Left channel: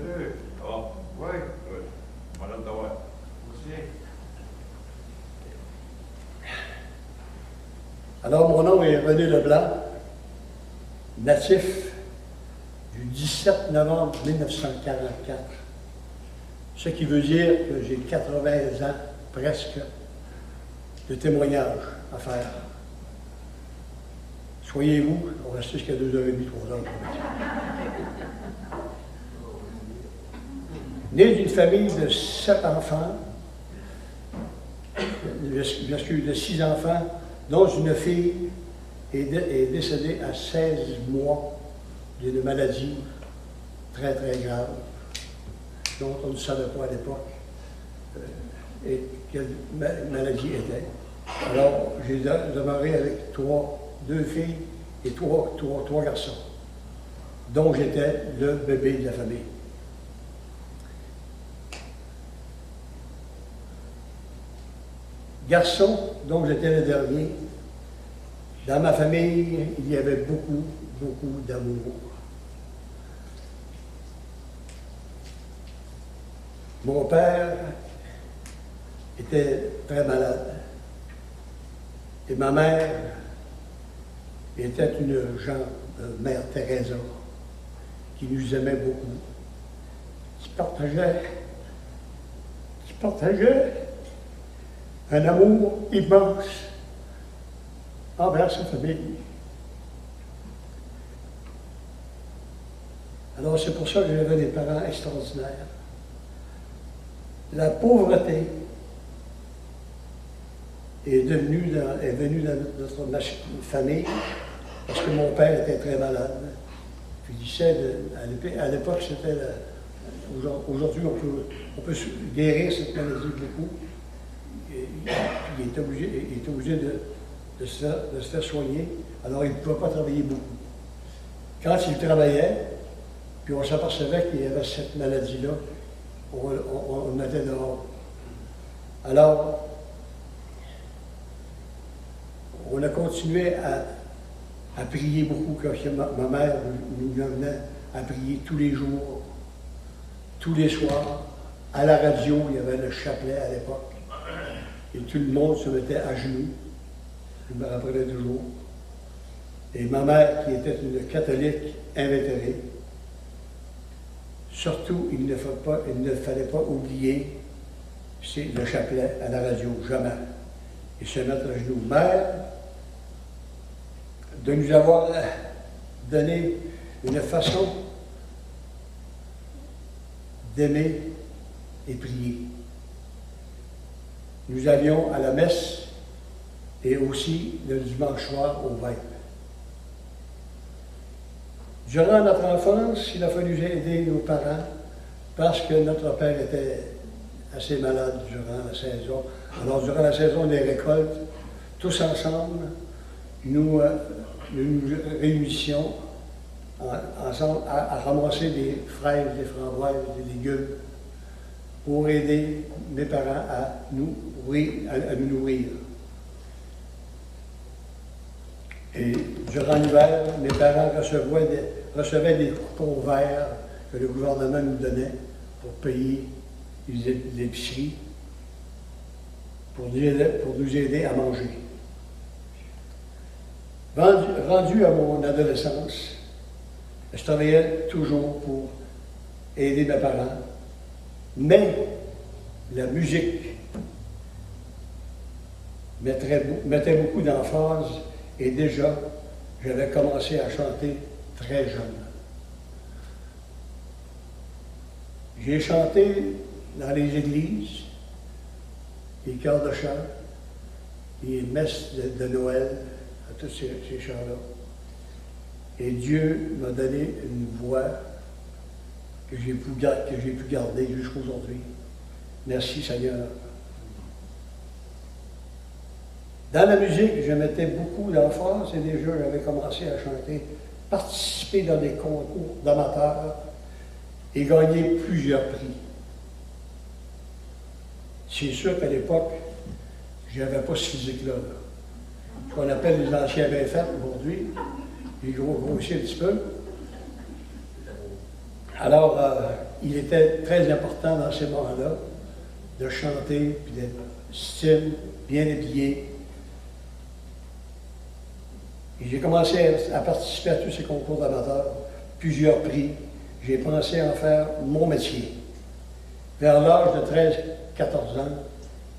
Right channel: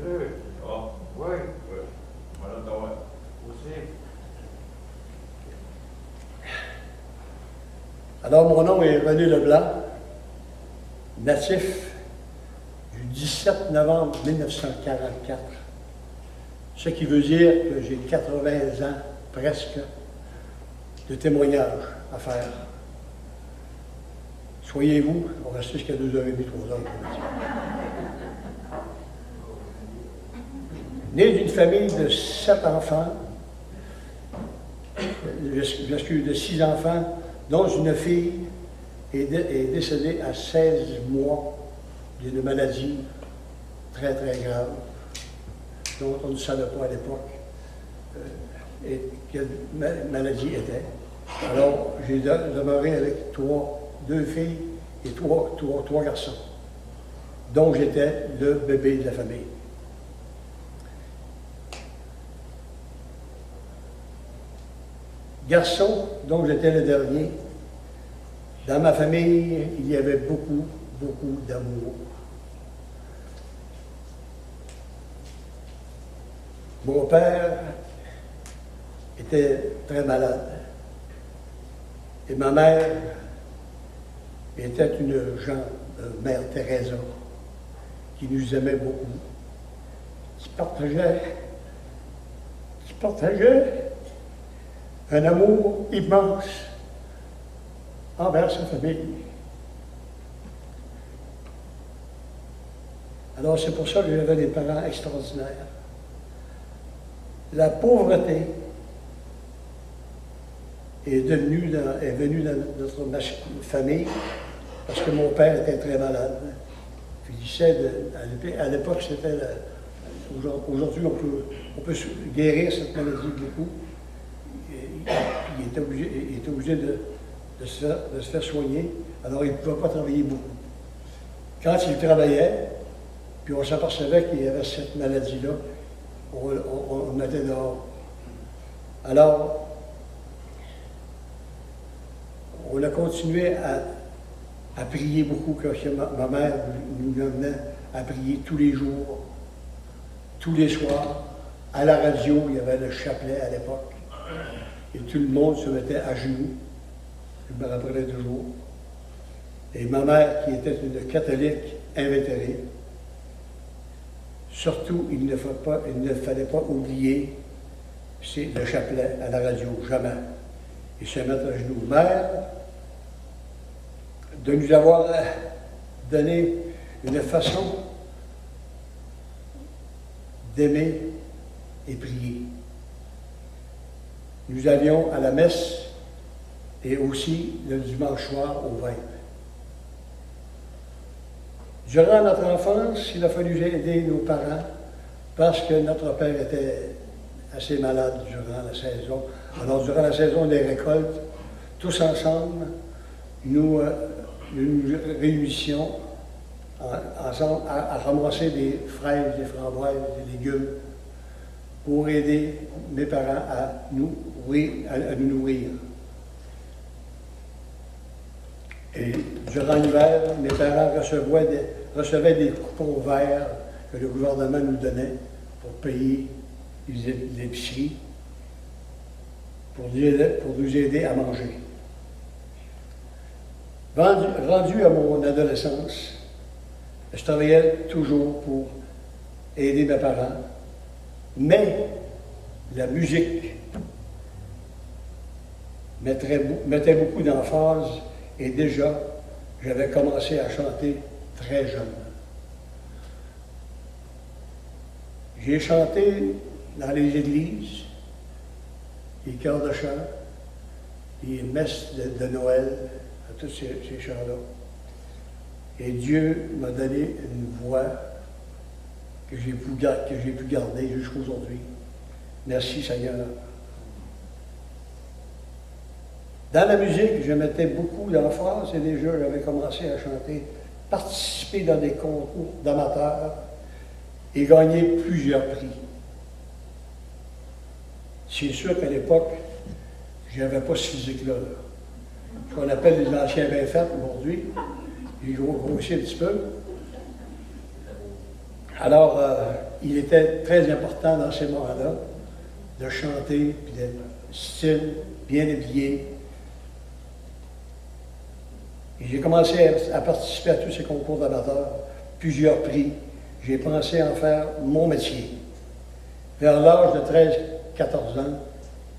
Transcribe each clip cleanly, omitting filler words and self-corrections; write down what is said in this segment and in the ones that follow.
Salut. Ça va? Oui. Good. Madame Tawad. Aussi. Alors, mon nom est René Leblanc, natif du 17 novembre 1944, ce qui veut dire que j'ai 80 ans presque de témoignage à faire. Soyez-vous, on va rester jusqu'à 2h30, 3h. Né d'une famille de 7 enfants, j'excuse, de 6 enfants, dont une fille est décédée à 16 mois d'une maladie très, très grave, dont on ne savait pas à l'époque quelle maladie était. Alors, j'ai demeuré avec deux filles et trois garçons, dont j'étais le bébé de la famille. Garçon, dont j'étais le dernier, dans ma famille, il y avait beaucoup, beaucoup d'amour. Mon père était très malade et ma mère était une mère Teresa qui nous aimait beaucoup, qui partageait un amour immense envers sa famille. Alors c'est pour ça que j'avais des parents extraordinaires. La pauvreté est venue dans notre famille parce que mon père était très malade. Puis il disait, à l'époque, c'était aujourd'hui, on peut guérir cette maladie beaucoup. Puis il était obligé de se faire soigner, alors il ne pouvait pas travailler beaucoup. Quand il travaillait, puis on s'apercevait qu'il y avait cette maladie-là, on le mettait dehors. Alors, on a continué à prier beaucoup, quand ma mère nous amenait à prier tous les jours, tous les soirs. À la radio, il y avait le chapelet à l'époque. Et tout le monde se mettait à genoux. Je me rappellerai toujours. Et ma mère, qui était une catholique invétérée, surtout, il ne fallait pas oublier le chapelet à la radio, jamais. Et se mettre à genoux. Mère, de nous avoir donné une façon d'aimer et prier. Nous allions à la messe et aussi le dimanche soir au vêpres. Durant notre enfance, il a fallu aider nos parents parce que notre père était assez malade durant la saison. Alors, durant la saison des récoltes, tous ensemble, nous nous réunissions ensemble à ramasser des fraises, des framboises, des légumes pour aider mes parents à nous nourrir. Et durant l'hiver, mes parents recevaient des coupons verts que le gouvernement nous donnait pour payer l'épicerie, pour nous aider à manger. Rendu à mon adolescence, je travaillais toujours pour aider mes parents, mais la musique mettait beaucoup d'emphase et déjà, j'avais commencé à chanter très jeune. J'ai chanté dans les églises, les chœurs de chant, les messes de Noël, à tous ces chants-là. Et Dieu m'a donné une voix que j'ai pu garder jusqu'à aujourd'hui. Merci Seigneur. Dans la musique, je mettais beaucoup d'emphase et déjà j'avais commencé à chanter, participer dans des concours d'amateurs et gagner plusieurs prix. C'est sûr qu'à l'époque, je n'avais pas ce physique-là. Ce qu'on appelle les anciens bien faits aujourd'hui. J'ai grossi un petit peu. Alors, il était très important dans ces moments-là de chanter, puis d'être style, bien habillé. Et j'ai commencé à participer à tous ces concours d'amateurs, plusieurs prix. J'ai pensé en faire mon métier. Vers l'âge de 13-14 ans,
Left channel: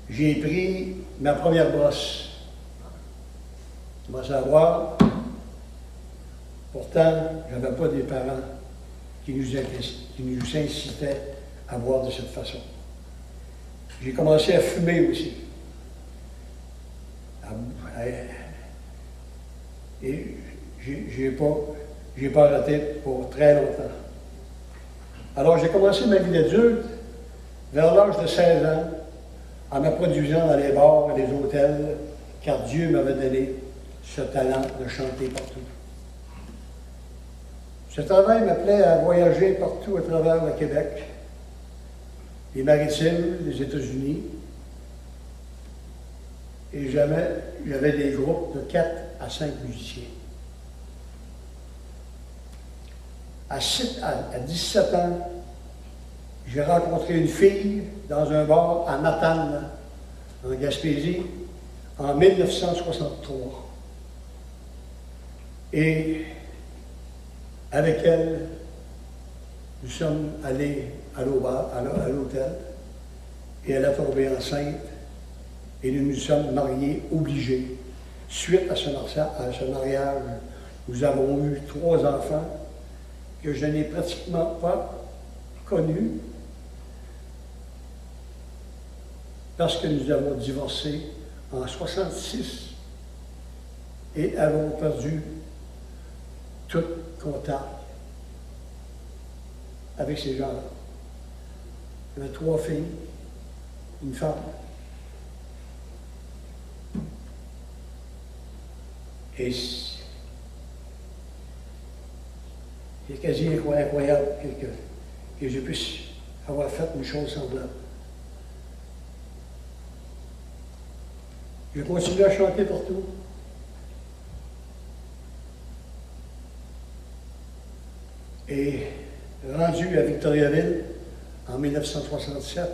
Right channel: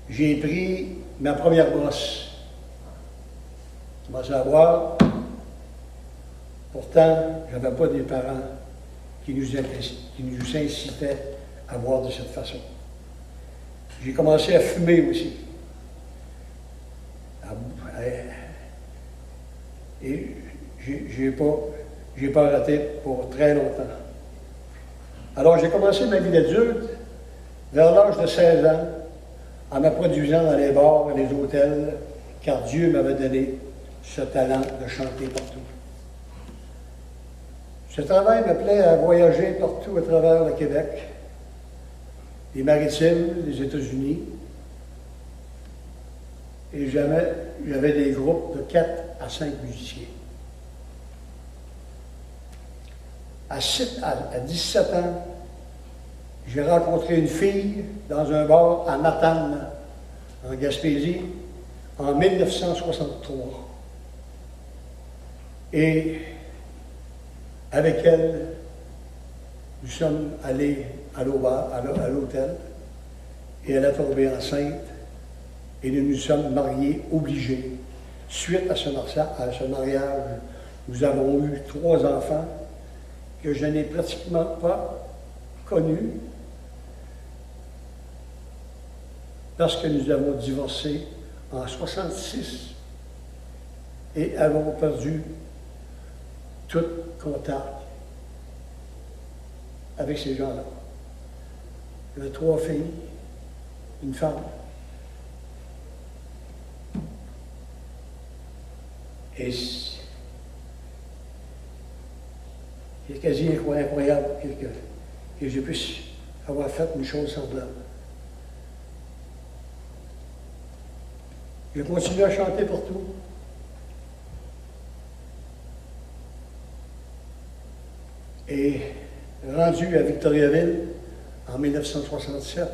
j'ai pris ma première brosse. J'ai commencé à boire. Pourtant, je n'avais pas des parents qui nous incitaient à boire de cette façon. J'ai commencé à fumer aussi. Et j'ai pas arrêté pour très longtemps. Alors j'ai commencé ma vie d'adulte vers l'âge de 16 ans, en me produisant dans les bars et les hôtels, car Dieu m'avait donné ce talent de chanter partout. Ce travail me plaît à voyager partout à travers le Québec, les Maritimes, les États-Unis. Et j'avais des groupes de 4 à 5 musiciens. À 17 ans, j'ai rencontré une fille dans un bar à Matane, en Gaspésie, en 1963. Et avec elle, nous sommes allés à l'hôtel, et elle a tombé enceinte, et nous nous sommes mariés obligés. Suite à ce mariage, nous avons eu 3 enfants que je n'ai pratiquement pas connus parce que nous avons divorcé en 1966 et avons perdu tout contact avec ces gens-là. Il y avait 3 filles, une femme. Et c'est quasi incroyable que je puisse avoir fait une chose semblable. J'ai continué à chanter partout. Et rendu à Victoriaville, en 1967,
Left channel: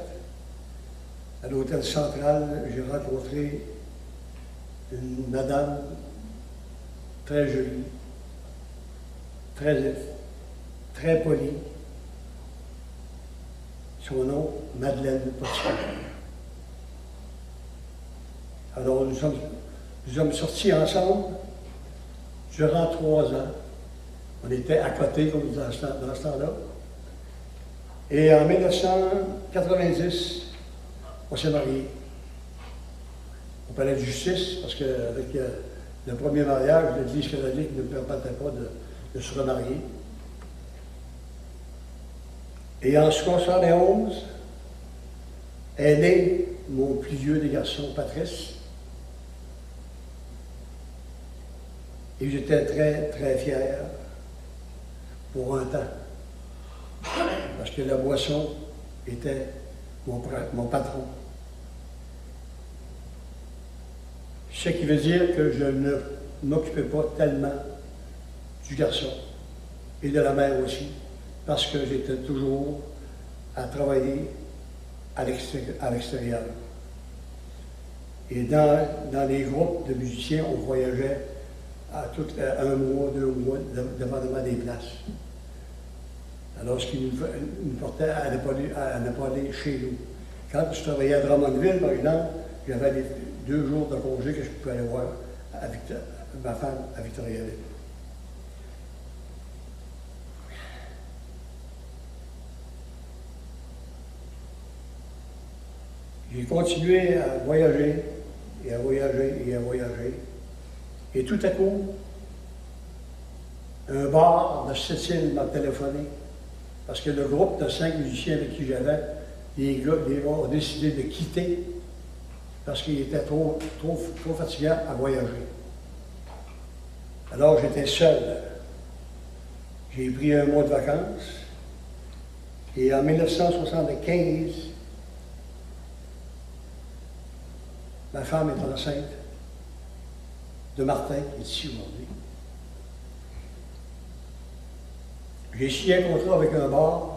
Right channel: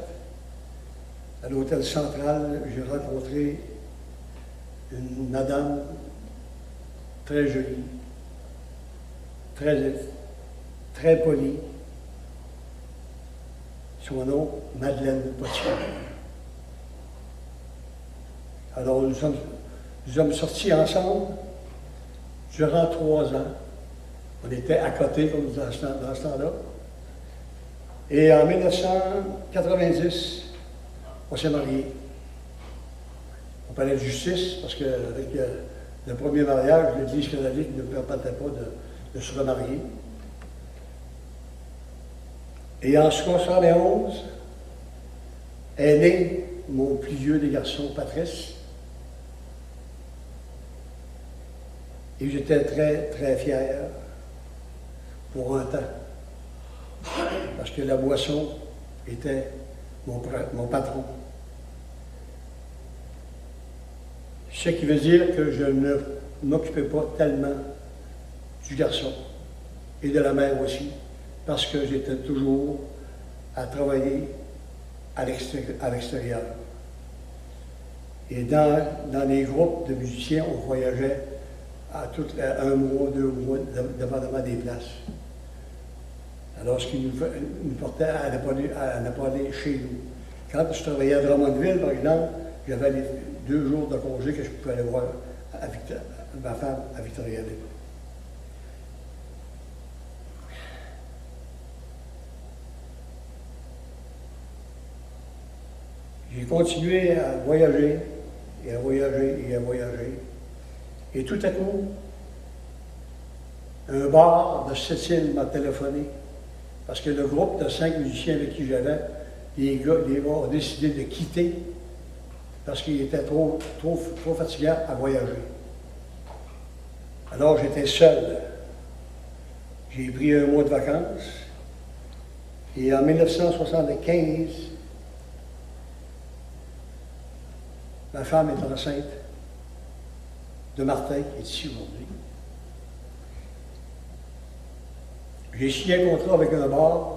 à l'Hôtel Central, j'ai rencontré une madame très jolie, très polie. Son nom, Madeleine Potier. Alors nous sommes sortis ensemble durant 3 ans. On était à côté, comme dans ce temps-là. Et en 1990, on s'est mariés. On parlait de justice, parce qu'avec le premier mariage, l'Église catholique ne permettait pas de se remarier. Et en 1971, est né mon plus vieux des garçons, Patrice. Et j'étais très, très fier pour un temps. Parce que la boisson était mon patron. Ce qui veut dire que je ne m'occupais pas tellement du garçon et de la mère aussi, parce que j'étais toujours à travailler à l'extérieur. Et dans les groupes de musiciens, on voyageait à 1 mois, 2 mois, dépendamment des places. Alors, ce qui nous portait à ne pas aller chez nous. Quand je travaillais à Drummondville, par exemple, j'avais les 2 jours de congé que je pouvais aller voir ma femme à Victoriaville. J'ai continué à voyager, et à voyager, et à voyager. Et tout à coup, un bar de Sept-Îles m'a téléphoné, parce que le groupe de 5 musiciens avec qui j'avais, les gars ont décidé de quitter, parce qu'ils étaient trop fatigants à voyager. Alors j'étais seul. J'ai pris 1 mois de vacances, et en 1975, ma femme est enceinte de Martin, qui est ici aujourd'hui. J'ai signé un contrat avec un bar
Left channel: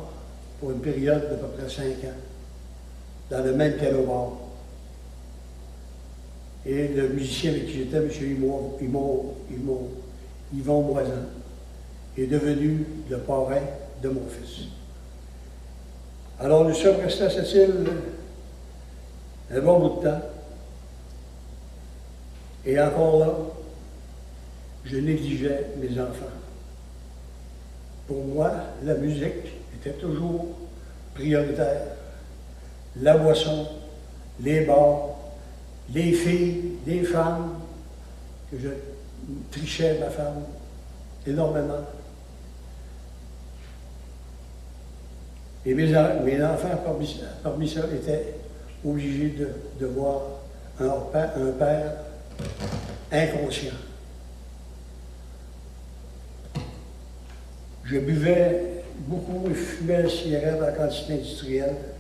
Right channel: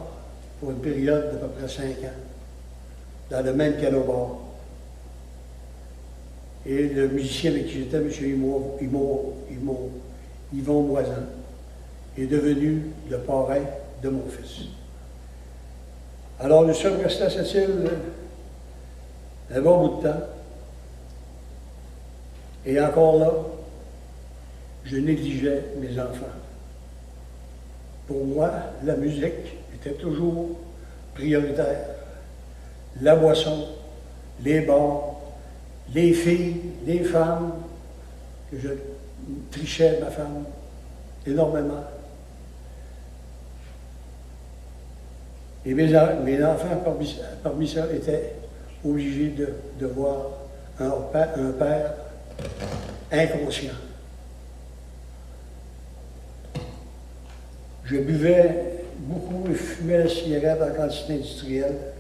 pour une période d'à peu près 5 ans, dans le même piano-bar. Et le musicien avec qui j'étais, M. Yvon Moisan, est devenu le parrain de mon fils. Alors nous sommes restés à cette île un bon bout de temps. Et encore là, je négligeais mes enfants. Pour moi, la musique était toujours prioritaire. La boisson, les bars, les filles, les femmes, que je trichais ma femme énormément. Et mes enfants, parmi ça, étaient obligés de voir un père inconscient. Je buvais beaucoup et fumais la cigarette en quantité industrielle.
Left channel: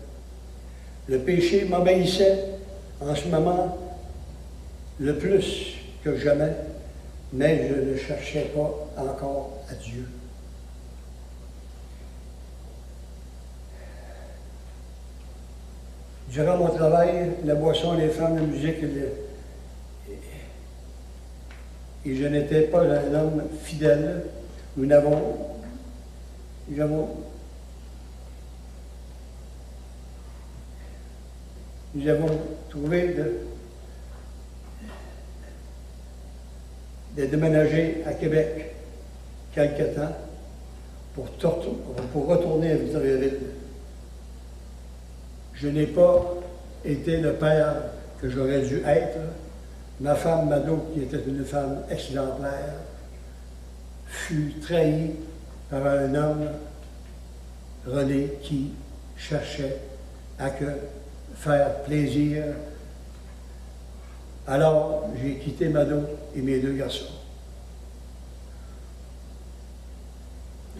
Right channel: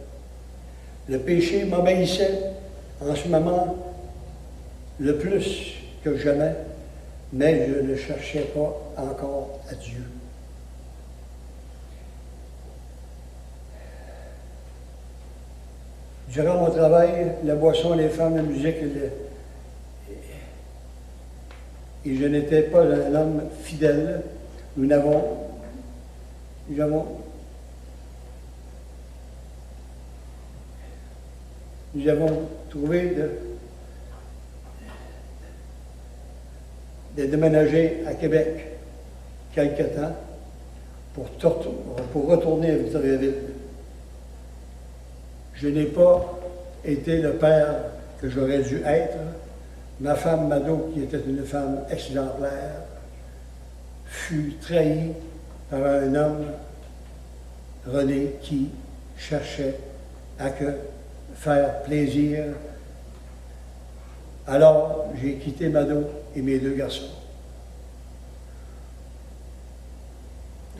Le péché m'obéissait en ce moment le plus que jamais, mais je ne cherchais pas encore à Dieu. Durant mon travail, la boisson, les femmes, la musique, et je n'étais pas un homme fidèle. Nous avons trouvé de déménager à Québec quelque temps pour retourner à Victoriaville. Je n'ai pas été le père que j'aurais dû être. Ma femme Mado, qui était une femme exemplaire, fut trahie par un homme, René, qui cherchait à faire plaisir. Alors, j'ai quitté Mado et mes 2 garçons.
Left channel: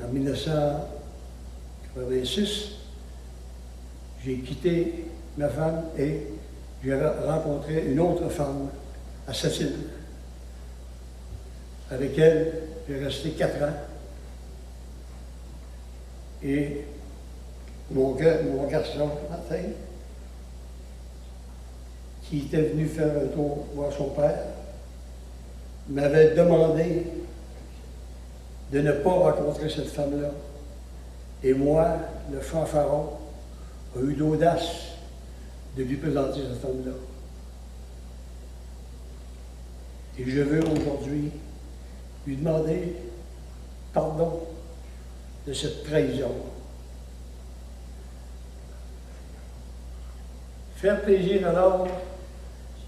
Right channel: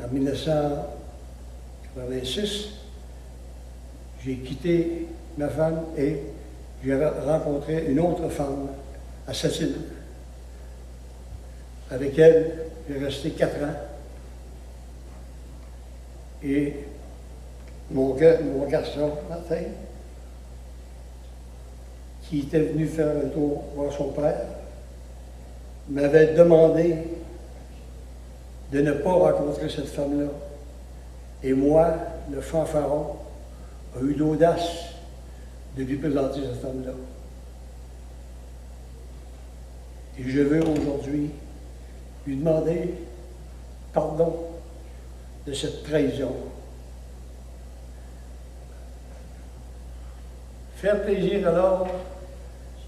En 1986, j'ai quitté ma femme et j'ai rencontré une autre femme à Sept-Îles. Avec elle, j'ai resté 4 ans. Et mon garçon, Martin, qui était venu faire un tour voir son père, m'avait demandé de ne pas rencontrer cette femme-là. Et moi, le fanfaron, a eu l'audace de lui présenter cette femme-là. Et je veux aujourd'hui lui demander pardon de cette trahison. Faire plaisir alors,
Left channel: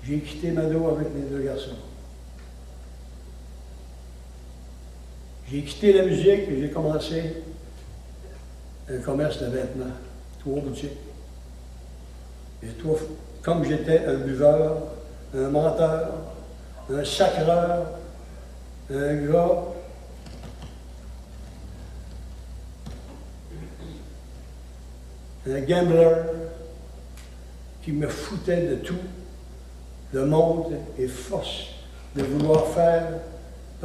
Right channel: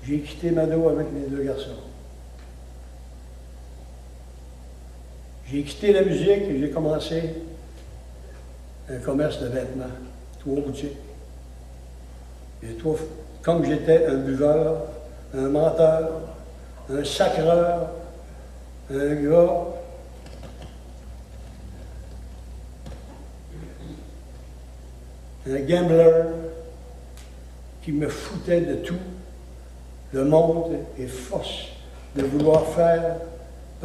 j'ai quitté Mado avec les 2 garçons. J'ai quitté la musique et j'ai commencé un commerce de vêtements, 3 boutiques. Et comme j'étais un buveur, un menteur, un sacreur, un gars un gambler qui me foutait de tout, le monde est force de vouloir faire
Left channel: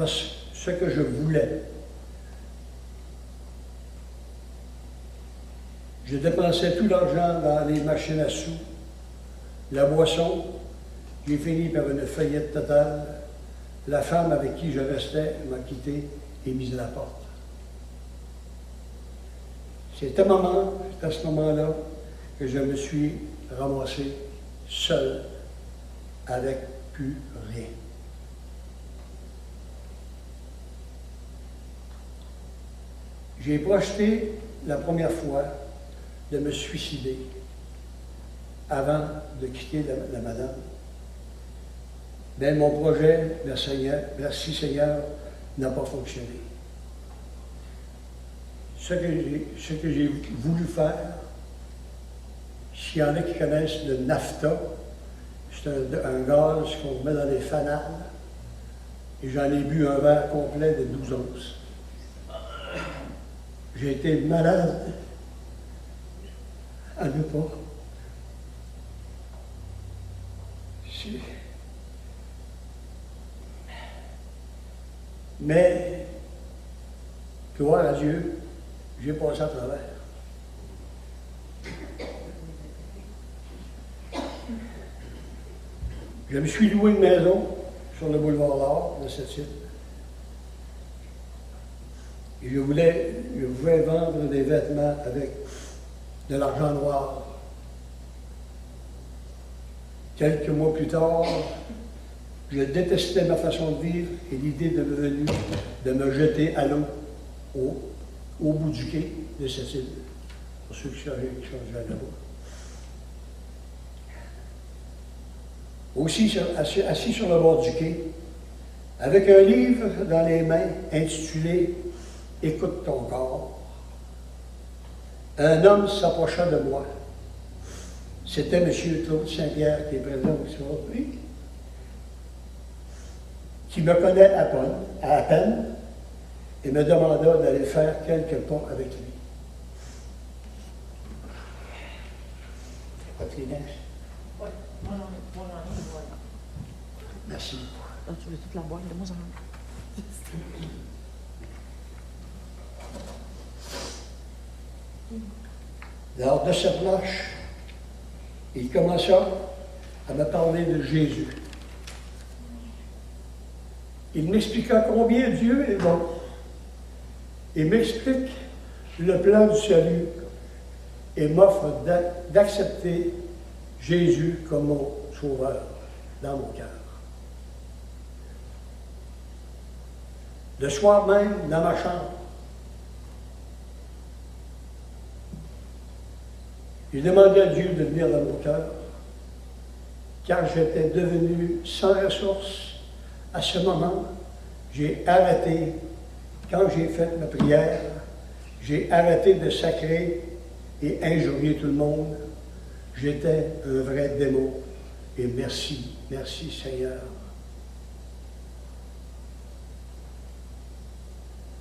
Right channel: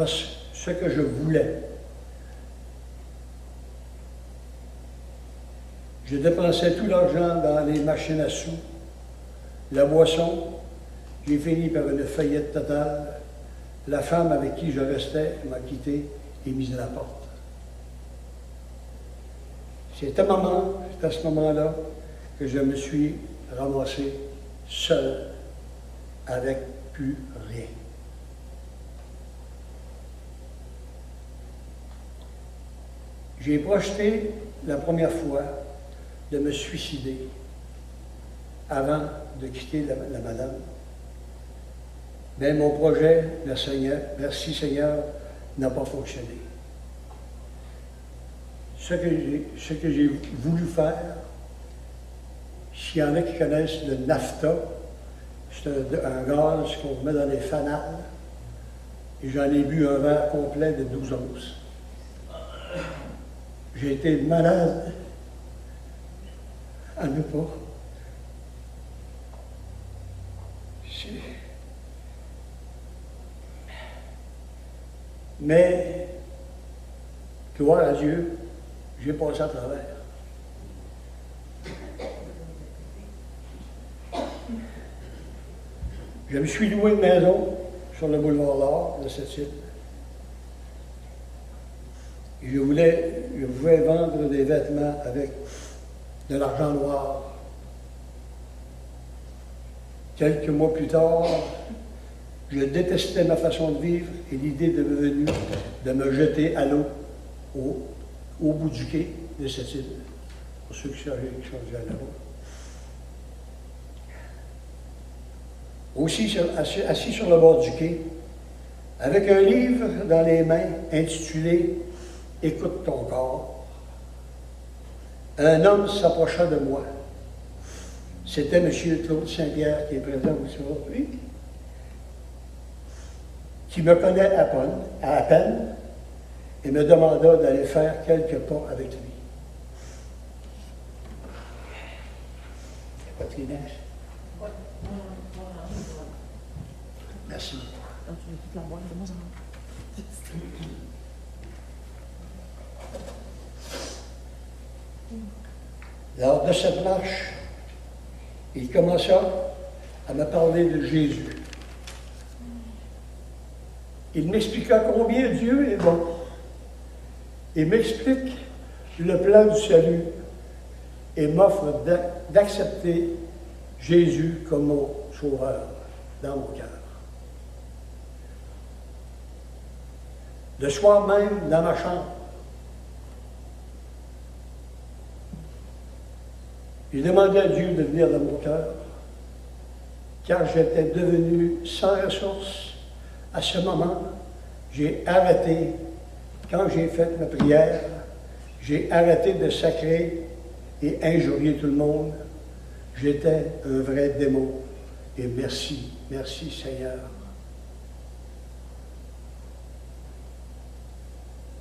ce que je voulais. Je dépensais tout l'argent dans les machines à sous, la boisson. J'ai fini par une faillite totale. La femme avec qui je restais m'a quitté et mis à la porte. C'est à ce moment-là que je me suis ramassé seul, avec plus rien. J'ai projeté la première fois de me suicider avant de quitter la madame. Mais mon projet, merci Seigneur, n'a pas fonctionné. Ce que j'ai voulu faire, s'il y en a qui connaissent le NAFTA, c'est un gaz qu'on met dans les fanales, et j'en ai bu un verre complet de 12 onces. J'ai été malade à ne pas. Mais, gloire à Dieu, j'ai passé à travers. Je me suis loué une maison sur le boulevard L'Or de cette île. Et je pouvais vendre des vêtements avec de l'argent noir. Quelques mois plus tard, je détestais ma façon de vivre et l'idée de venue de me jeter à l'eau au bout du quai de cette île, pour ceux qui sont déjà là-bas. Aussi assis sur le bord du quai, avec un livre dans les mains intitulé « Écoute ton corps », un homme s'approcha de moi. C'était M. Claude Saint-Pierre qui est présent aussi aujourd'hui, qui me connaît à peine et me demanda d'aller faire quelques pas avec lui. Pas de Kleenex? Oui. Merci. Tu veux toute la boire, Lors de cette marche, il commença à me parler de Jésus. Il m'expliqua combien Dieu est bon. Il m'explique le plan du salut et m'offre d'accepter Jésus comme mon sauveur dans mon cœur. Le soir même, dans ma chambre, j'ai demandé à Dieu de venir dans mon cœur, car j'étais devenu sans ressources. À ce moment, j'ai arrêté, quand j'ai fait ma prière, j'ai arrêté de sacrer et injurier tout le monde. J'étais un vrai démon. Et merci, merci Seigneur.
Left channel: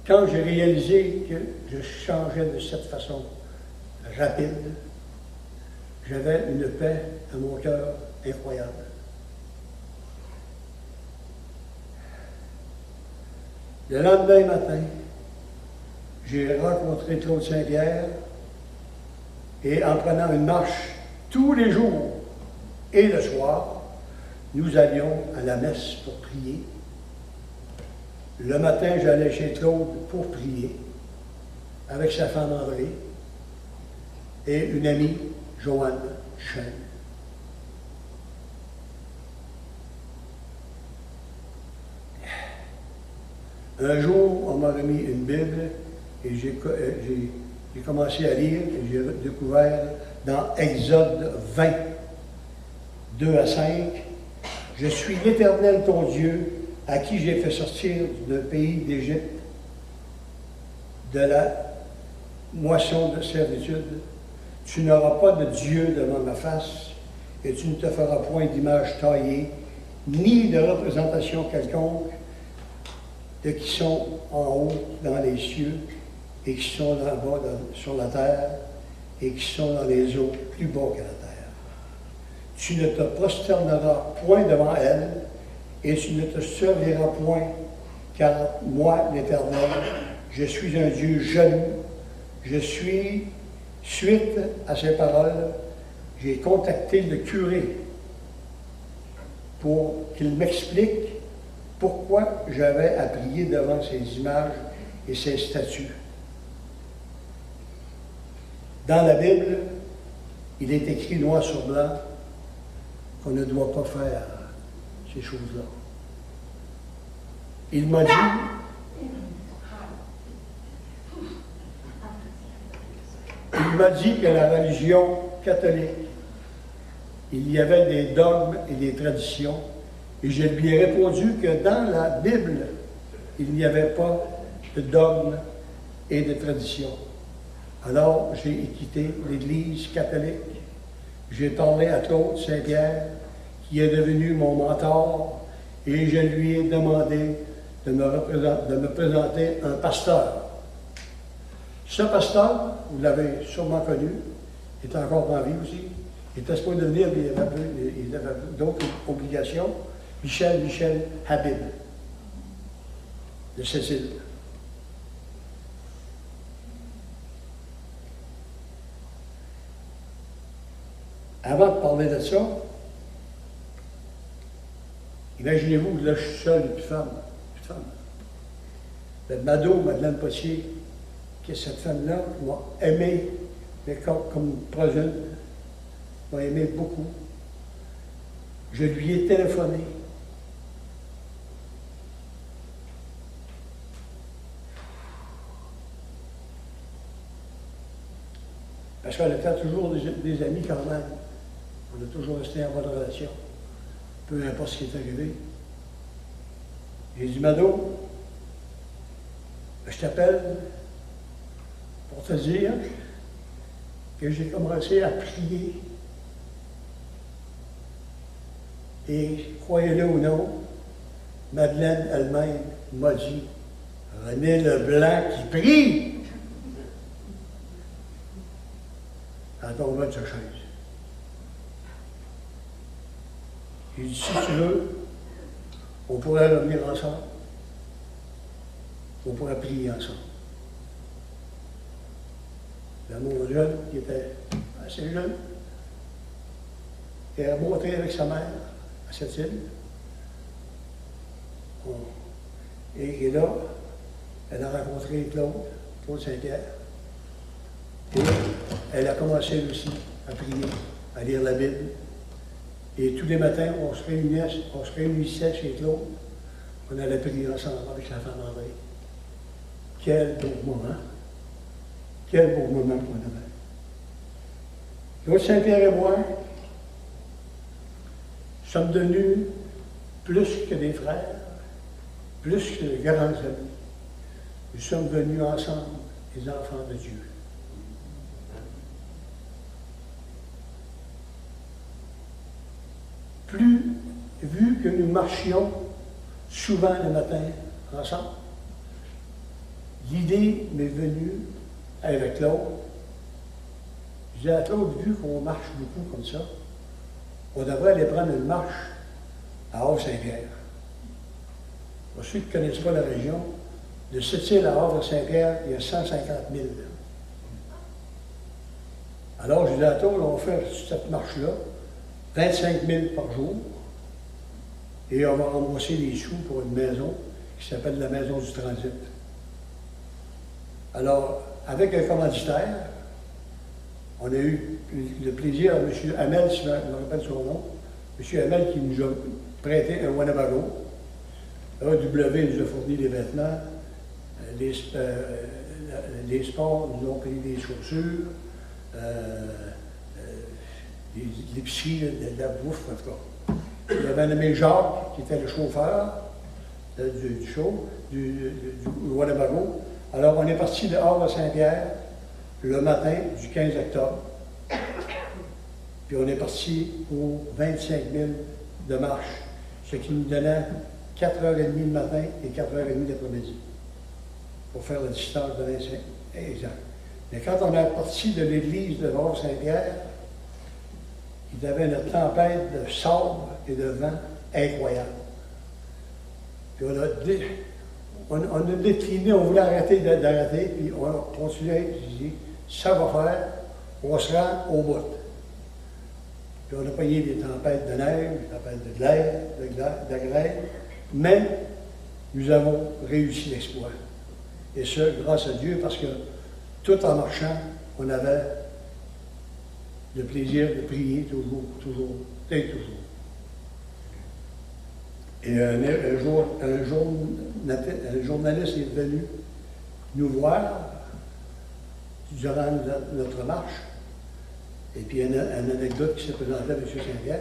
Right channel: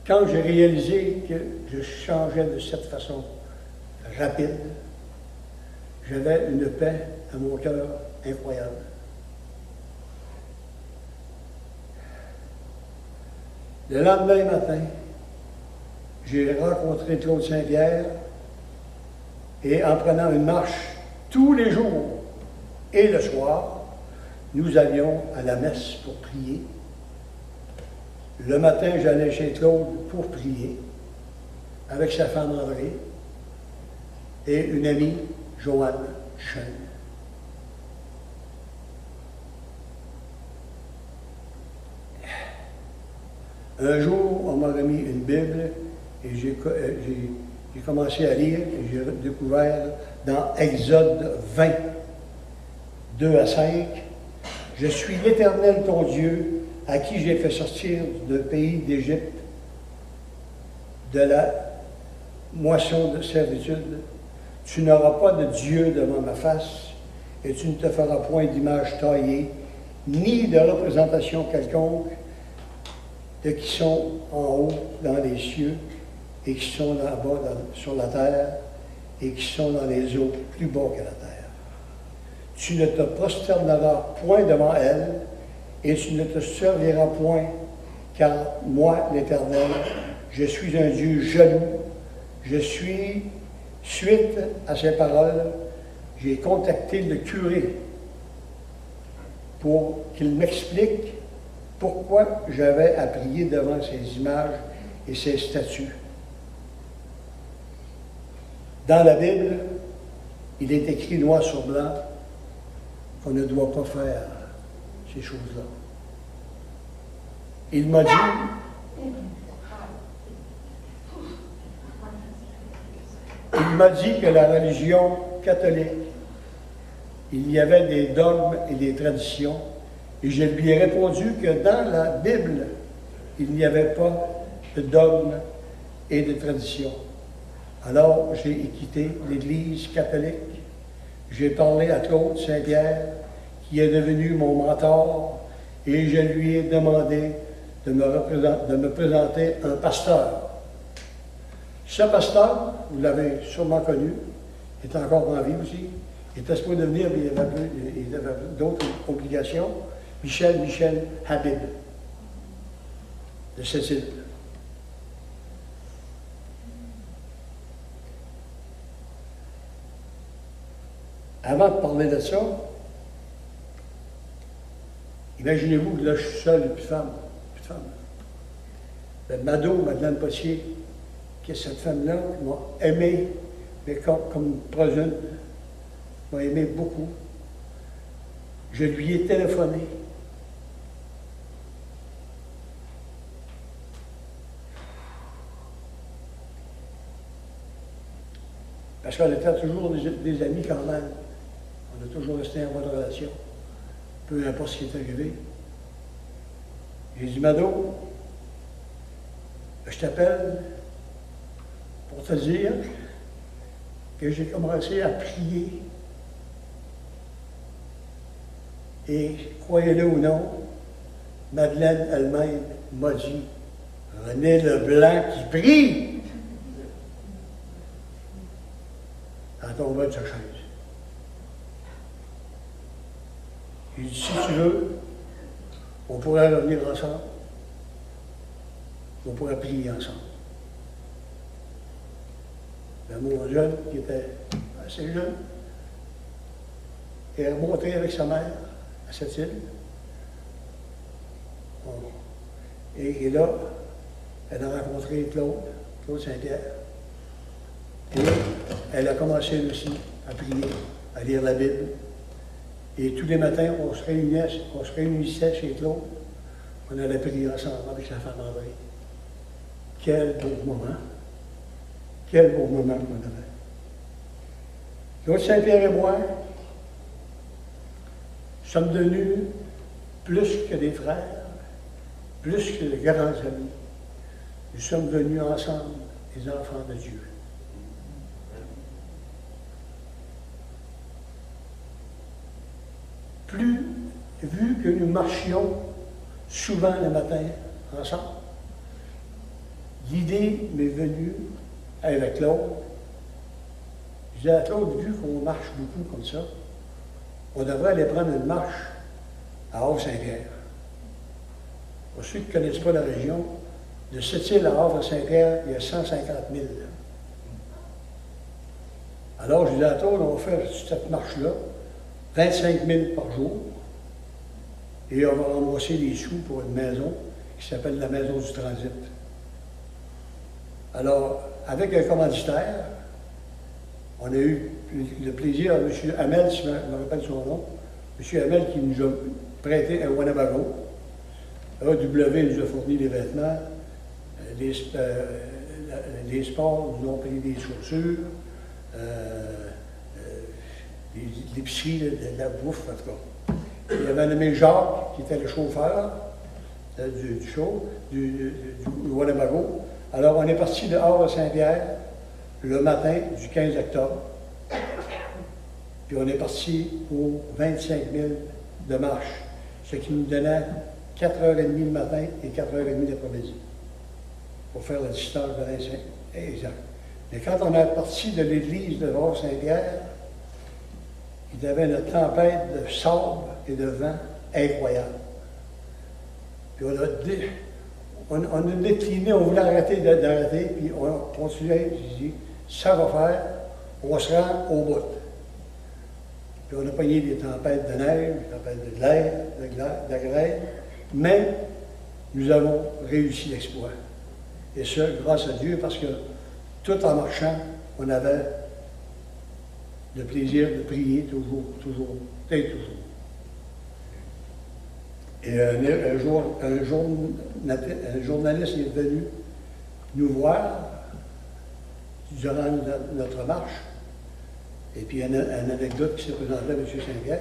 Quand j'ai réalisé que je changeais de cette façon rapide, j'avais une paix à mon cœur incroyable. Le lendemain matin, j'ai rencontré Claude Saint-Pierre et en prenant une marche tous les jours et le soir, nous allions à la messe pour prier. Le matin, j'allais chez Claude pour prier avec sa femme André et une amie, Joanne Chen. Un jour, on m'a remis une Bible et j'ai commencé à lire et j'ai découvert dans Exode 20, 2 à 5, « Je suis l'Éternel ton Dieu, à qui j'ai fait sortir du pays d'Égypte, de la moisson de servitude. Tu n'auras pas de Dieu devant ma face, et tu ne te feras point d'image taillée, ni de représentation quelconque de qui sont en haut dans les cieux, et qui sont là-bas sur la terre, et qui sont dans les eaux plus bas que la terre. Tu ne te prosterneras point devant elle, et tu ne te serviras point, car moi, l'Éternel, je suis un Dieu jaloux. Je suis, suite à ces paroles, j'ai contacté le curé pour qu'il m'explique pourquoi j'avais à prier devant ces images et ces statues. Dans la Bible, il est écrit noir sur blanc qu'on ne doit pas faire ces choses-là. Il m'a dit, que la religion catholique, il y avait des dogmes et des traditions, et je lui ai répondu que dans la Bible, il n'y avait pas de dogmes et de traditions. Alors, j'ai quitté l'Église catholique. J'ai parlé à Claude Saint-Pierre, qui est devenu mon mentor, et je lui ai demandé de me présenter un pasteur. Ce pasteur, vous l'avez sûrement connu, est encore en vie aussi. Il était supposé devenir, mais il avait d'autres obligations. Michel Habib, de cette île. avant de parler de ça, imaginez-vous que là, je suis seul et plus de femme. Plus de femme. Le Mado, Madeleine Potier, que cette femme-là m'a aimé, mais comme progène, m'a aimé beaucoup. Je lui ai téléphoné. Parce qu'on était toujours des amis quand même. On a toujours resté en bonne relation, peu importe ce qui est arrivé. J'ai dit, Mado, je t'appelle pour te dire que j'ai commencé à prier. Et croyez-le ou non, Madeleine elle-même m'a dit, René Leblanc qui prie. Elle tombait de sa chaise. J'ai dit, si tu veux, on pourrait revenir ensemble. On pourrait prier ensemble. Là, mon jeune, qui était assez jeune, est remonté avec sa mère à cette île. Et là, elle a rencontré Claude Saint-Pierre. Et elle a commencé elle aussi à prier, à lire la Bible. Et tous les matins, on se réunissait chez Claude. On allait prier ensemble avec sa femme André. Quel beau moment! Quel beau moment qu'on avait. Claude Saint-Pierre et moi sommes devenus plus que des frères, plus que de grands amis. Nous sommes venus ensemble des enfants de Dieu. Plus, vu que nous marchions souvent le matin ensemble, l'idée m'est venue avec Claude. Je disais à Claude, vu qu'on marche beaucoup comme ça, on devrait aller prendre une marche à Havre-Saint-Pierre. Pour ceux qui ne connaissent pas la région, de Sept-Îles à Havre-Saint-Pierre, il y a 150 000. Alors, je disais à Claude, on va faire cette marche-là, 25 000 par jour, et on va rembourser des sous pour une maison qui s'appelle la Maison du Transit. Alors, avec un commanditaire, on a eu le plaisir à M. Hamel, si je me rappelle son nom, M. Hamel qui nous a prêté un Winnebago. AW nous a fourni des vêtements, les sports nous ont payé des chaussures, l'épicerie, de la bouffe, en tout cas. Il y avait un ami Jacques, qui était le chauffeur du Winnebago. Alors, on est parti de Havre-Saint-Pierre le matin du 15 octobre. Puis on est parti pour 25 000 de marche, ce qui nous donnait 4h30 le matin et 4h30 l'après-midi pour faire la distance de 25 exact. Mais quand on est parti de l'église de Havre-Saint-Pierre, il y avait une tempête de sable et de vent incroyable. Puis on a décliné, on voulait arrêter d'arrêter, puis on a continué, j'ai dit, ça va faire, on se rend au bout. Puis on a pogné des tempêtes de neige, des tempêtes de glaire, de la grêle, mais nous avons réussi l'exploit. Et ça, grâce à Dieu, parce que tout en marchant, on avait le plaisir de prier toujours, et toujours. Et un journaliste est venu nous voir durant notre marche. Et puis, il y a une anecdote qui s'est présentée à M. Saint-Pierre.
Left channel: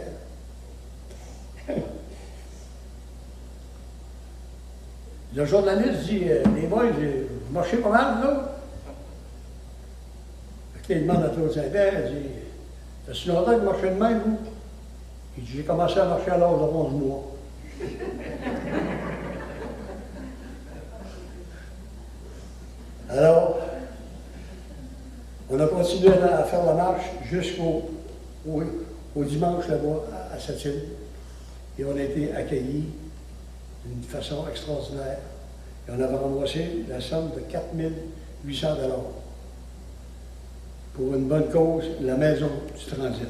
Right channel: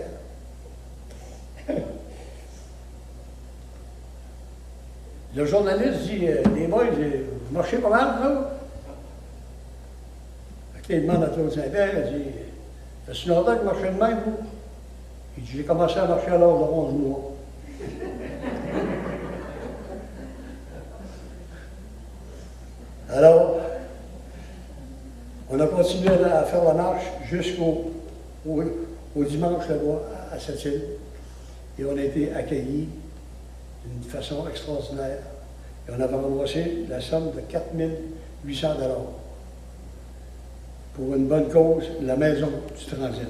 Le journaliste dit, les boys, vous marchez pas mal, là? Il demande à Claude Saint-Pierre, il dit, ça fait longtemps que vous marchez de même, vous? Il dit, j'ai commencé à marcher à l'âge de 11 mois. Alors, on a continué à faire la marche jusqu'au dimanche là-bas à Sept-Îles. Et on a été accueillis d'une façon extraordinaire. Et on avait remboursé la somme de 4 800 $ pour une bonne cause, la Maison du Transit.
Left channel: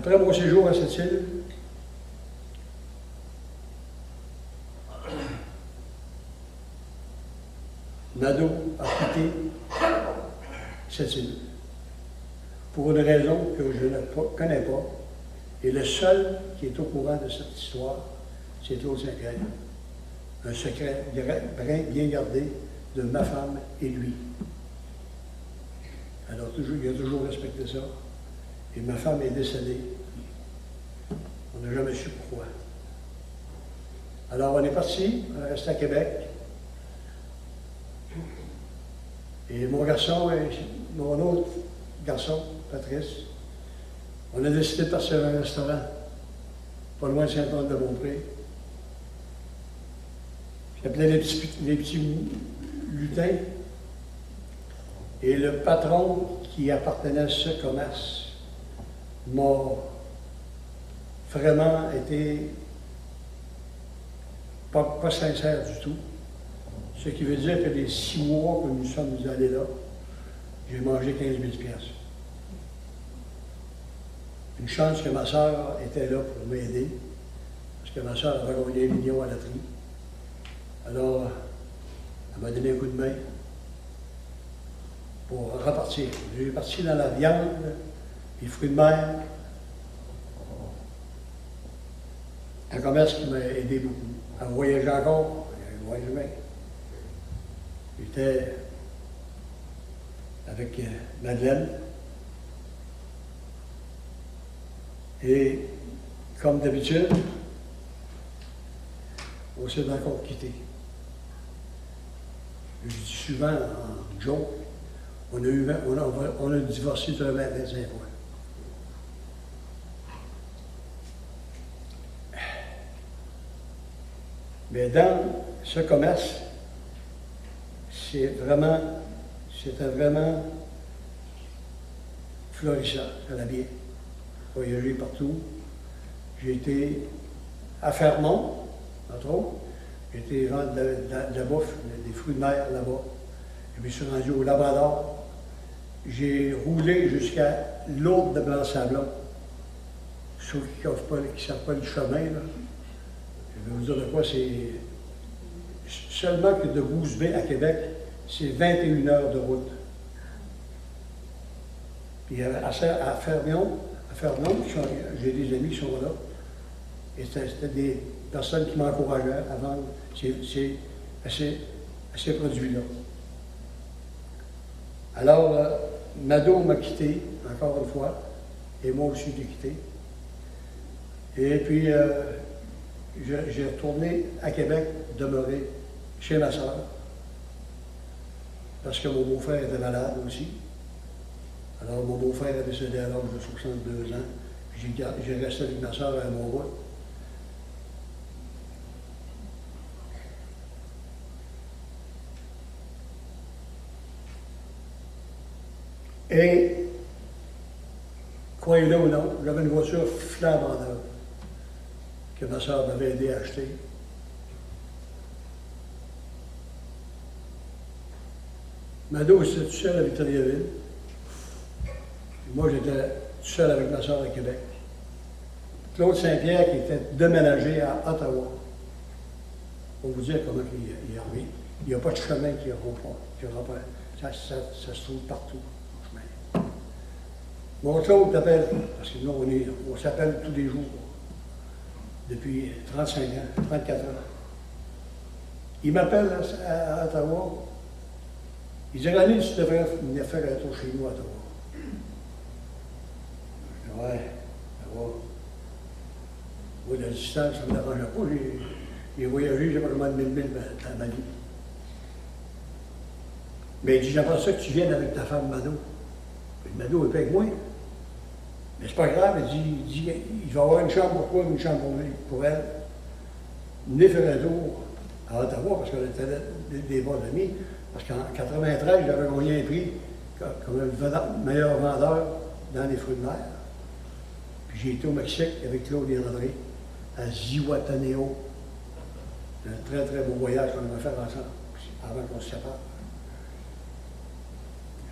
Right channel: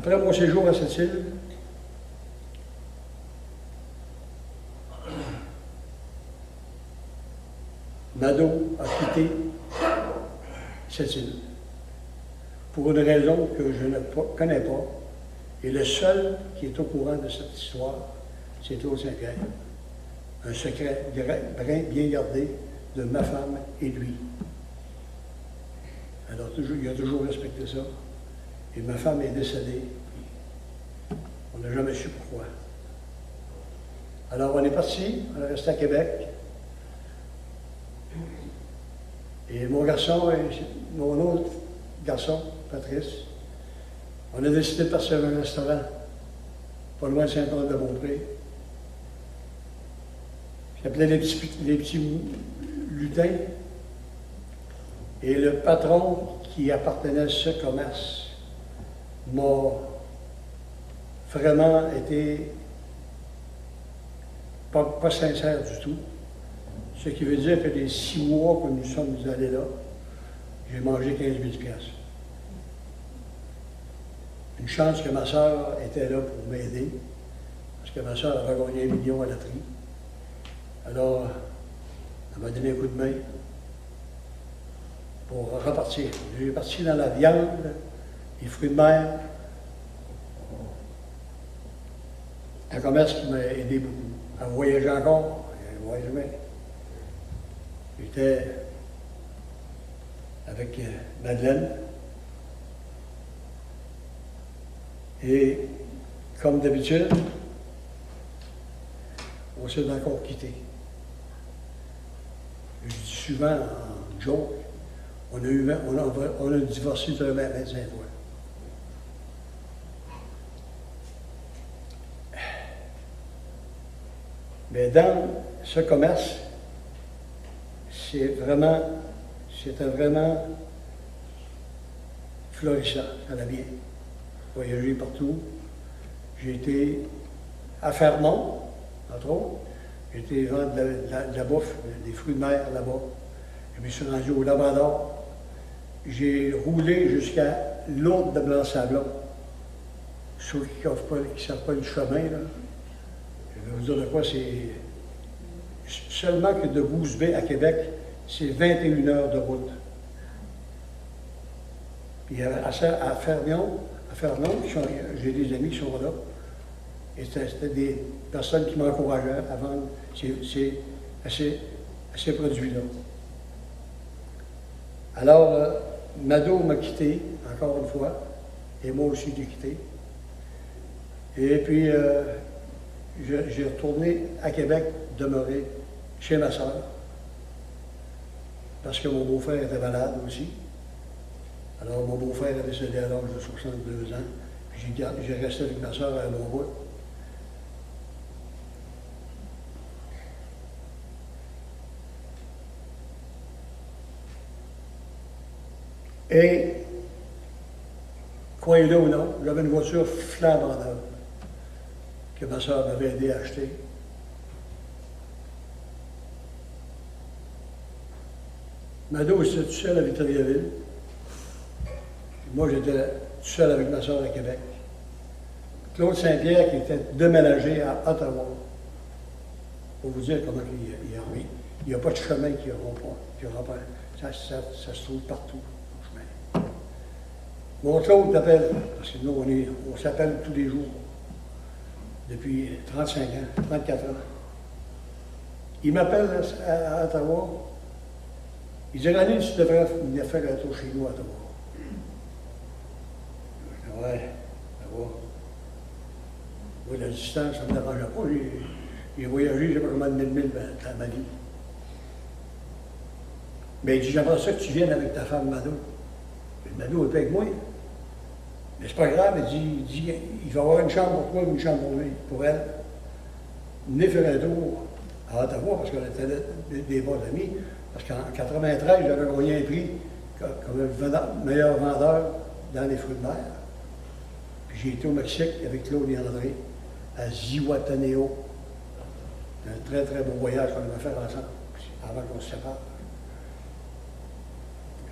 Après mon séjour à cette île, Nadeau a quitté cette île pour une raison que je ne connais pas. Et le seul qui est au courant de cette histoire, c'est Claude Saint-Pierre. Un secret bien gardé de ma femme et lui. Alors, il a toujours respecté ça. Et ma femme est décédée. On n'a jamais su pourquoi. Alors, on est parti, on est resté à Québec. Et mon garçon et mon autre garçon, Patrice, on a décidé de partir à un restaurant, pas loin de Saint-Anne-de-Beaupré. J'appelais les petits lutins. Et le patron qui appartenait à ce commerce m'a vraiment été pas sincère du tout. Ce qui veut dire que les 6 mois que nous sommes allés là, j'ai mangé 15 000 piastres. Une chance que ma soeur était là pour m'aider, parce que ma soeur avait gagné 1 million à la loterie. Alors, elle m'a donné un coup de main pour repartir. J'ai parti dans la viande, les fruits de mer, un commerce qui m'a aidé beaucoup. À voyager encore, je voyage bien. J'étais avec Madeleine. Et comme d'habitude, on s'est encore quitté. Je dis souvent en joke, on a divorcé de 25 fois. Mais dans ce commerce, c'était vraiment florissant, ça allait bien. Voyager partout. J'ai été à Fermont, entre autres. J'ai été vendre de la bouffe, des fruits de mer là-bas. Je me suis rendu au Labrador. J'ai roulé jusqu'à l'autre de Blanc-Sablon. Ceux qui ne savent pas le chemin, là, je vais vous dire de quoi, c'est seulement que de Goose Bay à Québec, c'est 21 heures de route. Puis à Fermont, j'ai des amis qui sont là. Et c'était des personnes qui m'encourageaient à vendre ces produits-là. Alors, Nadeau m'a quitté, encore une fois, et moi aussi j'ai quitté. Et puis, j'ai retourné à Québec, demeuré chez ma soeur, parce que mon beau-frère était malade aussi. Alors, mon beau-frère est décédé à l'âge de 62 ans. J'ai resté avec ma soeur à mon bout. Et, croyez-le ou non, j'avais une voiture flambant neuve que ma soeur m'avait aidé à acheter. Mado était tout seul à Victoriaville. Moi, j'étais tout seul avec ma soeur à Québec. Claude Saint-Pierre, qui était déménagé à Ottawa. Pour vous dire comment il n'y a pas de chemin qui rentre. Ça se trouve partout, le chemin. Mon Claude t'appelle, parce que nous, on s'appelle tous les jours, depuis 35 ans, 34 ans. Il m'appelle à Ottawa. Il dit, René, tu devrais venir faire un tour chez nous à Ottawa. Je dis, ouais, ça va. Oui, la distance, ça ne me dérangeait pas. J'ai voyagé, je ne sais pas comment de 1000 milles dans ma vie. Mais il dit, j'aimerais ça que tu viennes avec ta femme Mado. Mado est pas avec moi. Mais c'est pas grave, il dit, il va y avoir une chambre pour toi, une chambre pour elle. Venez faire un tour à Ottawa, parce qu'on était des bons amis. Parce qu'en 93, j'avais gagné un prix comme le meilleur vendeur dans les fruits de mer. Puis j'ai été au Mexique avec Claude et André, à Zihuatanejo. Un très, très beau voyage qu'on avait fait ensemble, avant qu'on se sépare.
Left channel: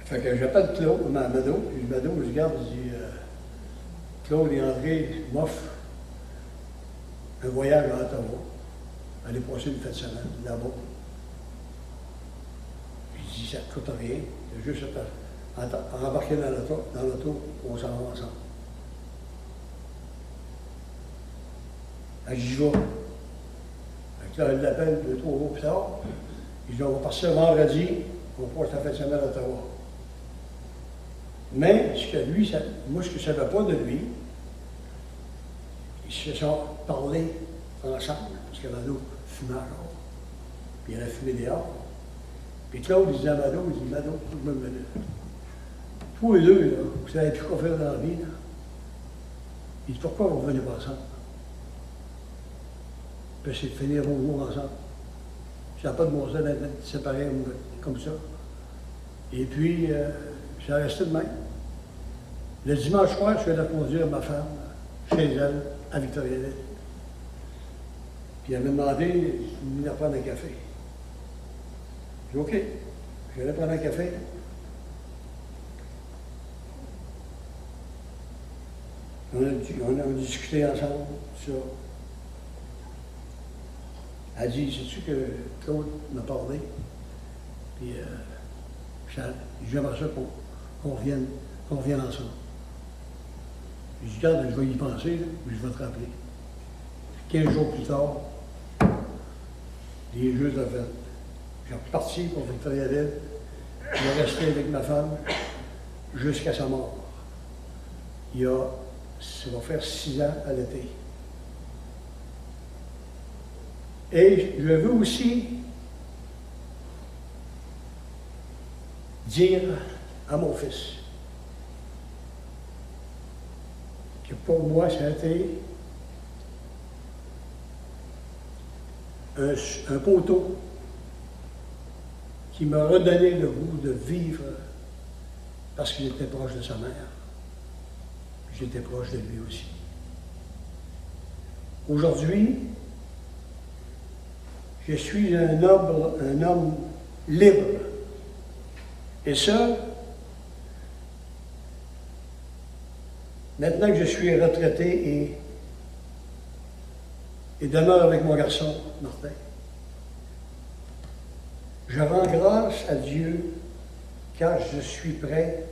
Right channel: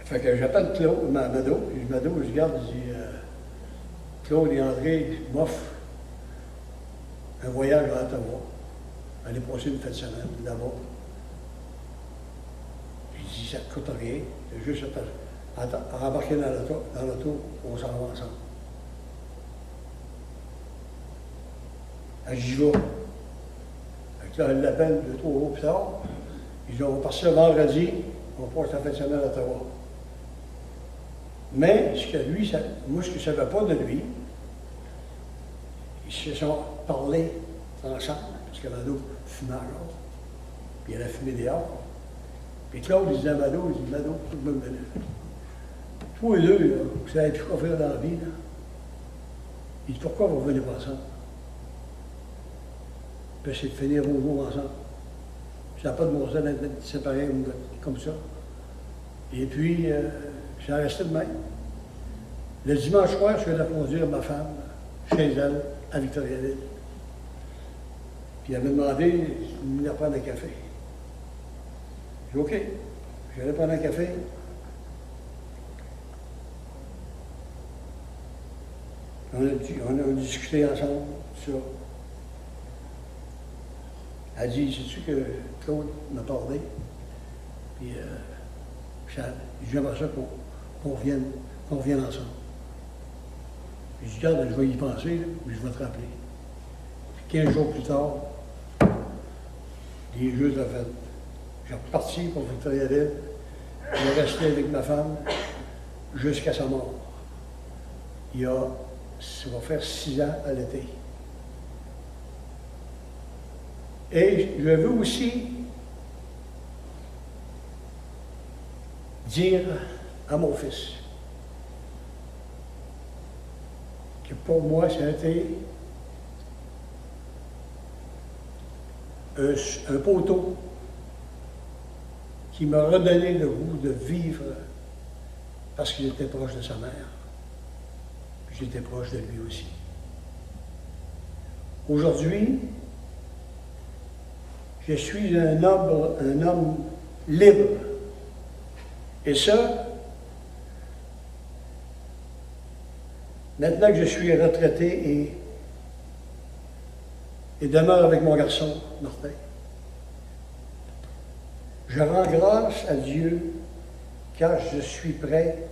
Fait que j'appelle Claude, Mado, je dis, regarde, je dis, Claude et André m'offrent un voyage à Ottawa. Aller passer une fin de semaine là-bas. J'ai dit, ça ne coûte rien. C'est juste embarquer dans l'auto, on s'en va ensemble. J'y vais. Là, elle l'appelle 2-3 jours plus tard. Il dit, on va partir vendredi, on passe la fin de semaine à Ottawa. Mais ce que lui, moi, ce que je ne savais pas de lui, ils se sont parlé ensemble, parce que Mado fumait encore. Puis elle a fumé dehors. Puis Claude, il disait à Mado, il dit, Mado, tout le monde venait. Tous les deux, là, vous savez plus quoi faire dans la vie, là. Il dit, pourquoi vous ne venez pas ensemble? Puis c'est de finir vos jours ensemble. Ça n'a pas de bon sens d'être séparés comme ça. Et puis, ça resté de même. Le dimanche soir, je suis allé conduire ma femme chez elle, à Victoriaville. Puis elle m'a demandé de venir prendre un café. J'ai dit OK. J'allais prendre un café. On a discuté ensemble sur ça. Elle dit, sais-tu que Claude m'a parlé? Puis j'aimerais ça qu'on revienne ensemble. Puis je dis, regarde, je vais y penser, là, puis je vais te rappeler. Puis 15 jours plus tard, les Jeux de fête. J'ai reparti pour Victoriaville. J'ai resté avec ma femme jusqu'à sa mort. Ça va faire 6 ans à l'été. Et je veux aussi dire à mon fils que pour moi, ça a été un poteau qui m'a redonné le goût de vivre parce qu'il était proche de sa mère. Puis j'étais proche de lui aussi. Aujourd'hui, je suis un homme libre. Et ça, maintenant que je suis retraité et demeure avec mon garçon, Martin, je rends grâce à Dieu car je suis près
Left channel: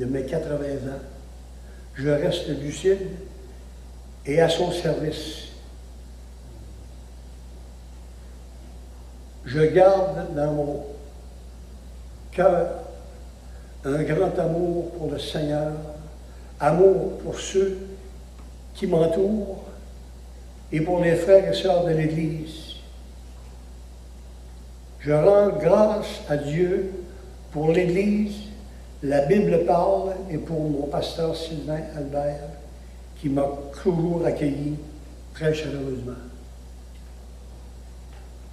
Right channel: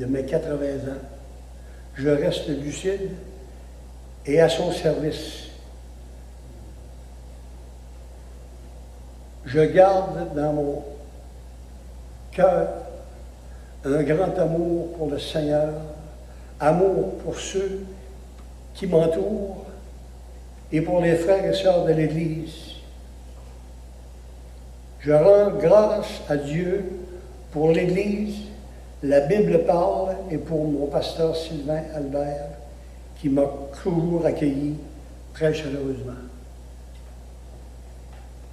de mes 80 ans. Je reste lucide et à son service. Je garde dans mon cœur un grand amour pour le Seigneur, amour pour ceux qui m'entourent et pour les frères et sœurs de l'Église. Je rends grâce à Dieu pour l'Église, la Bible parle, et pour mon pasteur Sylvain Albert, qui m'a toujours accueilli très chaleureusement.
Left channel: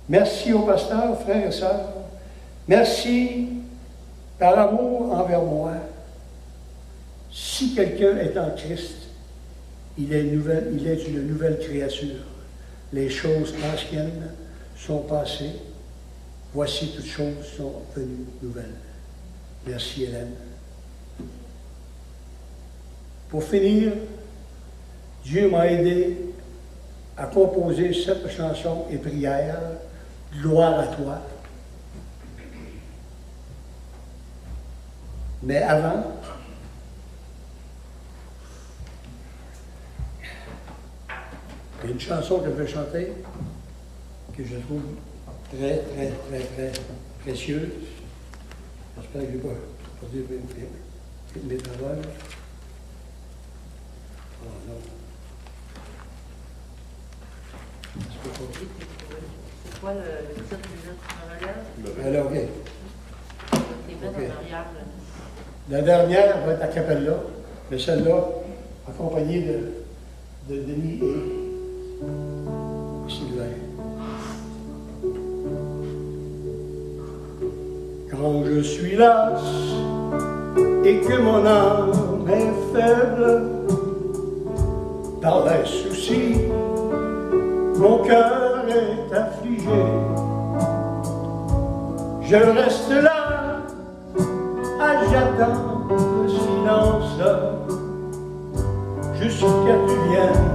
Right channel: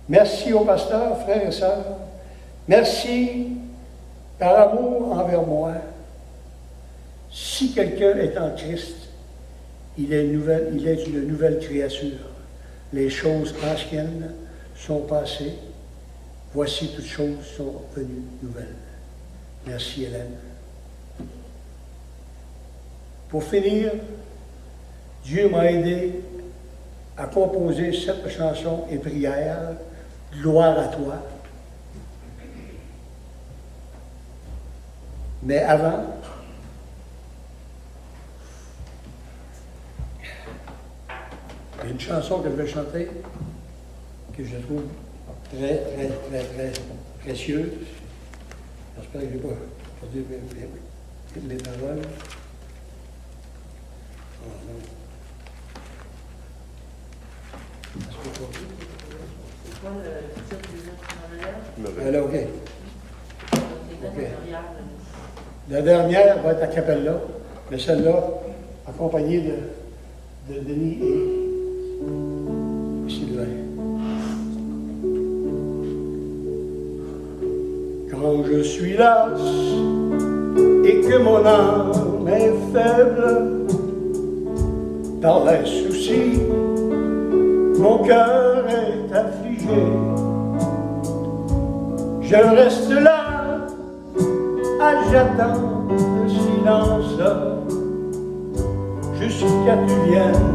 Merci au pasteur, frères et sœurs. Merci par amour envers moi. Si quelqu'un est en Christ, il est une nouvelle créature. Les choses anciennes sont passées. Voici toutes choses sont venues nouvelles. Merci Hélène. Pour finir, Dieu m'a aidé à composer cette chanson et prière, Gloire à toi. Mais avant, il y a une chanson que je vais chanter, que je trouve très précieuse. J'espère que je ne vais pas dire mes paroles. Oh non. C'est quoi le titre des autres nouvelles? Alors, OK. OK. La dernière va être a cappella, mais celle-là, accompagnée de Denis et Sylvain. Quand je suis lasse et que mon âme est faible par les soucis, mon cœur est affligé. Je reste là, j'attends le silence. juste que tu viennes,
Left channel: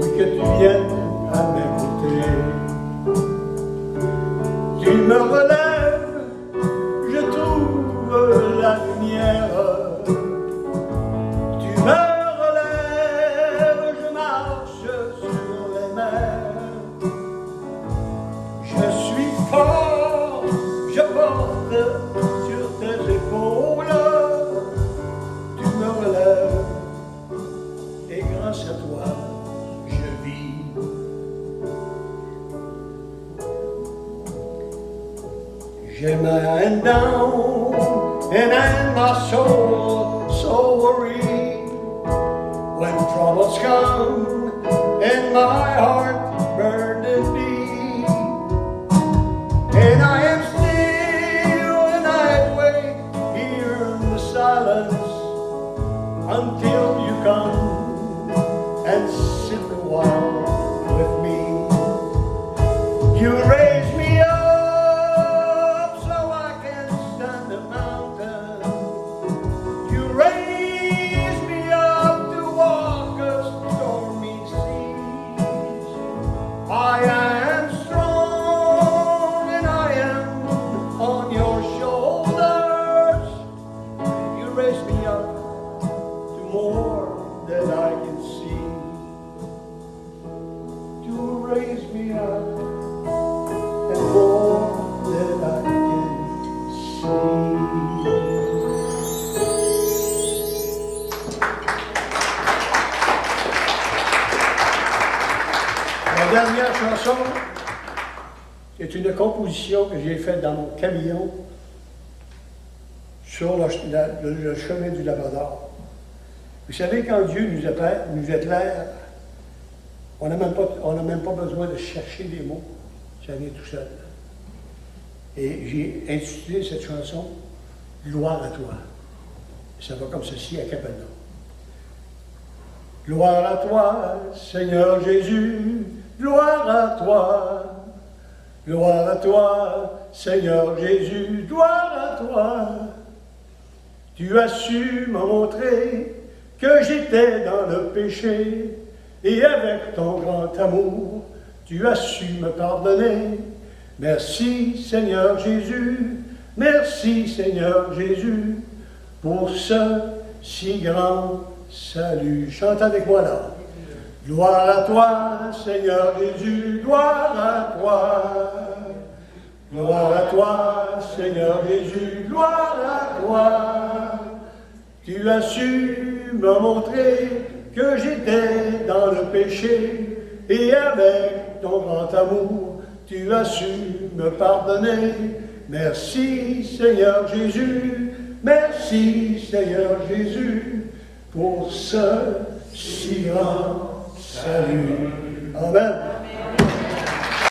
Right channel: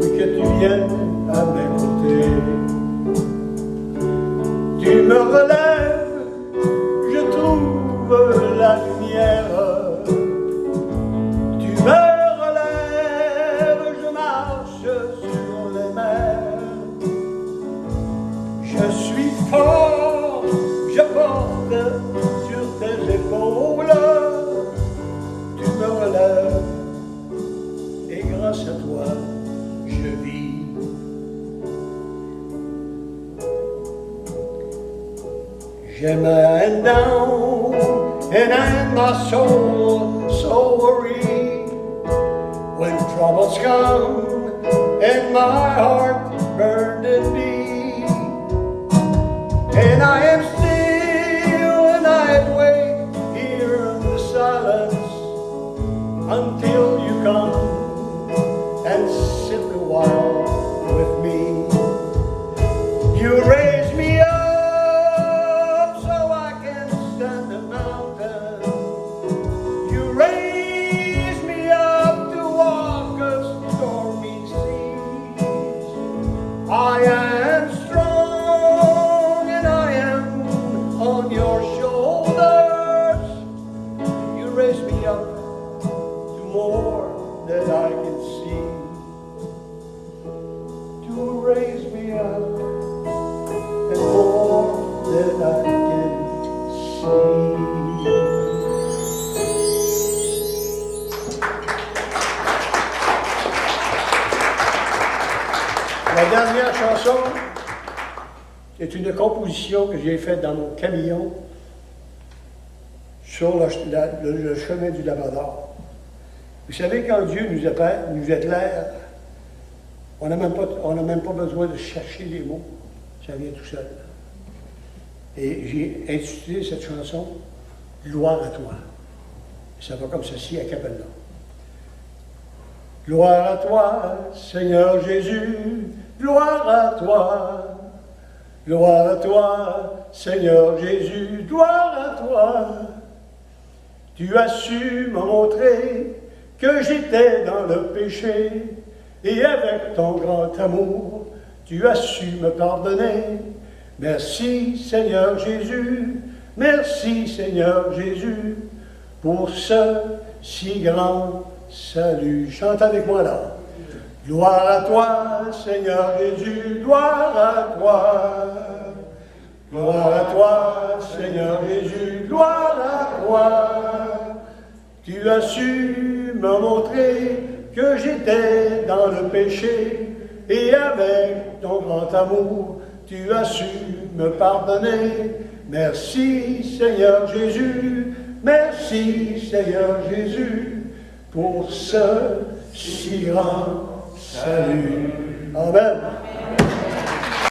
oui que tu viennes à mes côtés. Tu me relèves, je trouve la lumière. Tu me relèves, je marche sur les mers. Je suis fort, je porte sur tes épaules. Tu me relèves, et grâce à toi, je vis. J'ai my hand down, and my soul so worried. When troubles come, and my heart burdened be, and I am still, and I wait here in the silence until you come and sit a while with me. You raise me up so I can stand the mountain. You raise me up to walk a stormy seas. I am strong and I am on your shoulders. You raise me up to more than I can see. To raise me up and more than I can see. La dernière chanson est une composition que j'ai faite dans mon camion sur le chemin du Labrador. Vous savez, quand Dieu nous éclaire, on n'a même pas besoin de chercher les mots, ça vient tout seul. Et j'ai intitulé cette chanson « Gloire à toi ». Ça va comme ceci à cappella. Gloire à toi, Seigneur Jésus, gloire à toi. Gloire à toi, Seigneur Jésus, gloire à toi. Tu as su me montrer que j'étais dans le péché, et avec ton grand amour, tu as su me pardonner. Merci Seigneur Jésus, merci Seigneur Jésus, pour ce si grand salut. Chante avec moi là. Gloire à toi, Seigneur Jésus, gloire à toi. Gloire à toi, Seigneur Jésus, gloire à toi. Tu as su me montrer que j'étais dans le péché, et avec ton grand amour, tu as su me pardonner. Merci Seigneur Jésus, merci Seigneur Jésus, pour ce si grand salut. Amen.